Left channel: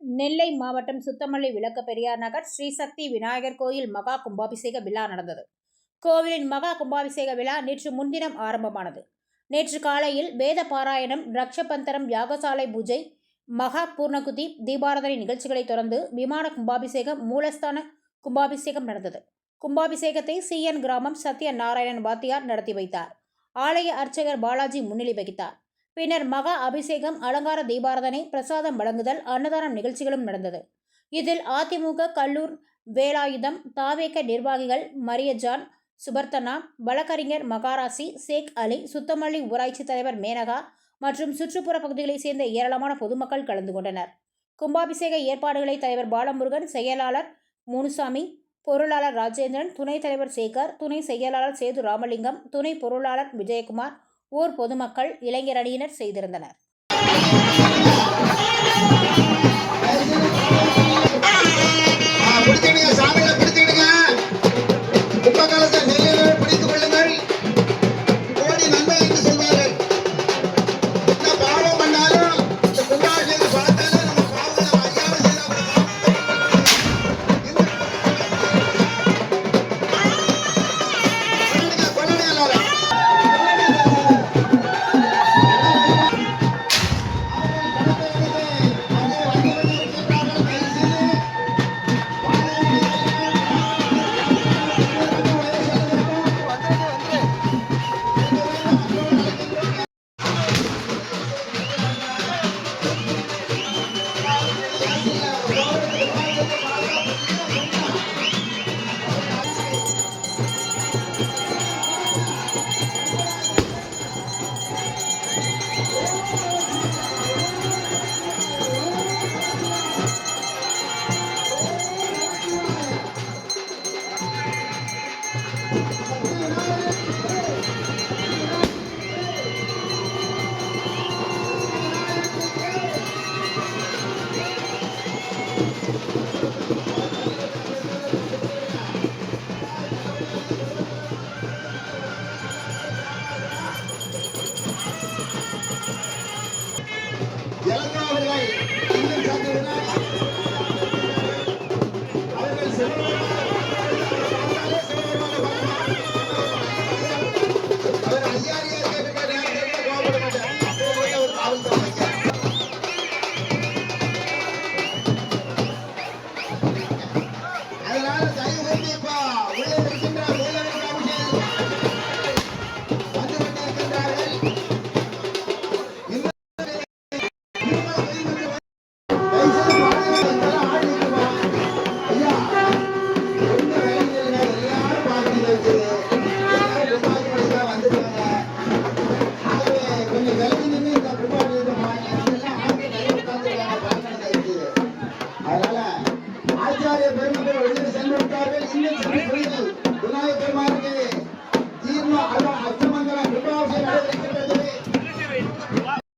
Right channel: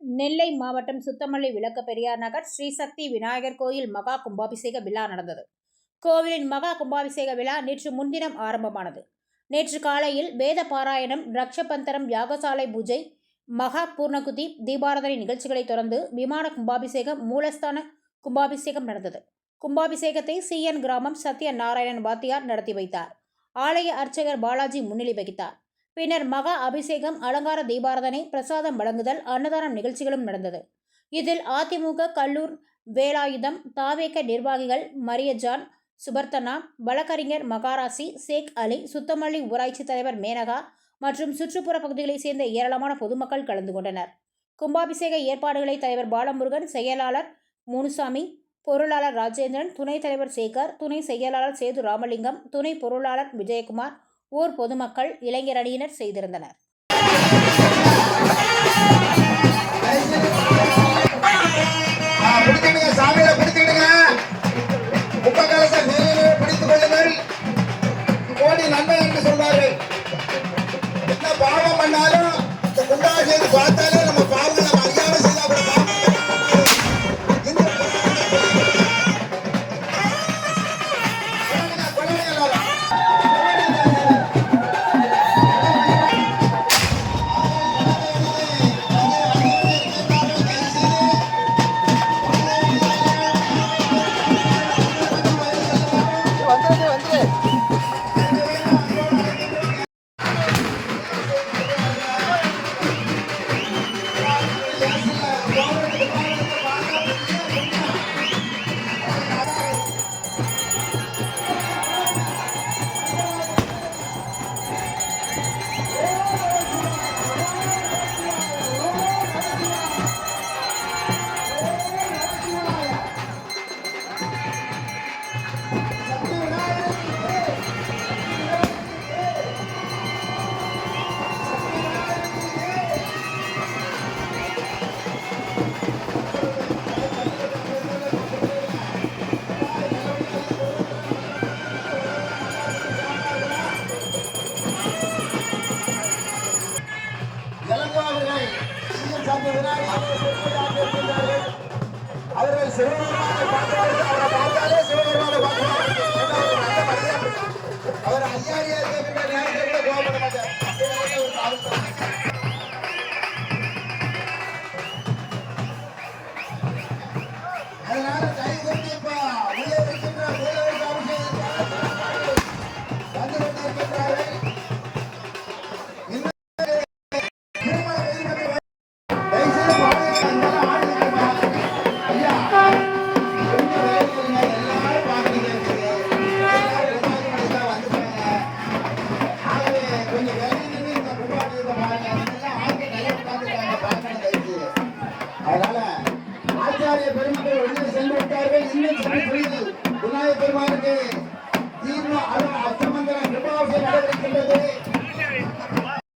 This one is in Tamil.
நெல்லை மாவட்டம் சுத்தமல்லி விளக்க பெரியார் நகர் ஸ்ரீசக்தி விநாயகர் கோயில் மகா கும்பாபிஷேக விழா நடந்தது. கோவிலின் மகா கும்பாபிஷேக விழா நேற்று முன்தினம் ஆரம்பமானது. நேற்று காலையில் வேத பாராயணம், ரக்ஷபந்தரம், யாகசாலை பூஜை, மகா பூர்ணகுதி, தீபாராதனை நிகழ்ச்சிகளை தொடர்ந்து விமான கும்பாபிஷேகம், மூலஸ்தான கும்பாபிஷேகம் நடந்தது. கும்பாபிஷேகத்தை சிஎன் கிராமம் சத்ய நாராயணன் வாத்தியார் நடத்தி வைத்தார். ஆலய அர்ச்சகர் பாலாஜி முன்னிலை வகித்தார். பின்னர் மகா அபிஷேகம், அலங்கார தீபாராதனை, பிரசாதம் வழங்குதல், அன்னதானம் நிகழ்ச்சிகளும் நடந்தது. இதில் அதிமுக கல்லூர் வேலாயுதம், தாவேக நிர்வாகிகள் மரியஜான், சுபர்த்தனா, வழக்கறிஞர் மகாராசி, சேக் அலி, சுத்தமல்லி ஊராட்சி தலைவர் மேனகா மற்றும் சுற்றுப்புற பகுதிகளைச் சேர்ந்த ஏராளமான பொதுமக்கள் கலந்து கொண்டனர். கும்பாபிஷேக ஏற்பாடுகளை தலைவர் பாலமுருகன், செயலாளர் முனுசாமி, பொருளாளர் ராஜேந்திரன், துணைத் தலைவர் சேகர், துணை செயலாளர் சேது ராமலிங்கம், துணை பொருளாளர் விஜயகுமார், ஊர் பொதுமக்கள், இளைஞர் அணியினர் செய்திருந்தனர். அவர்கள் அவர் ஐயாரியா கோவப்பட மாட்டார். ஒரு காவல்துறை அதனால தயவு கொண்டு இப்போ உள்ளே இருக்கின்ற மூலவர் வந்து கொண்டிருக்கின்றார்கள். Please.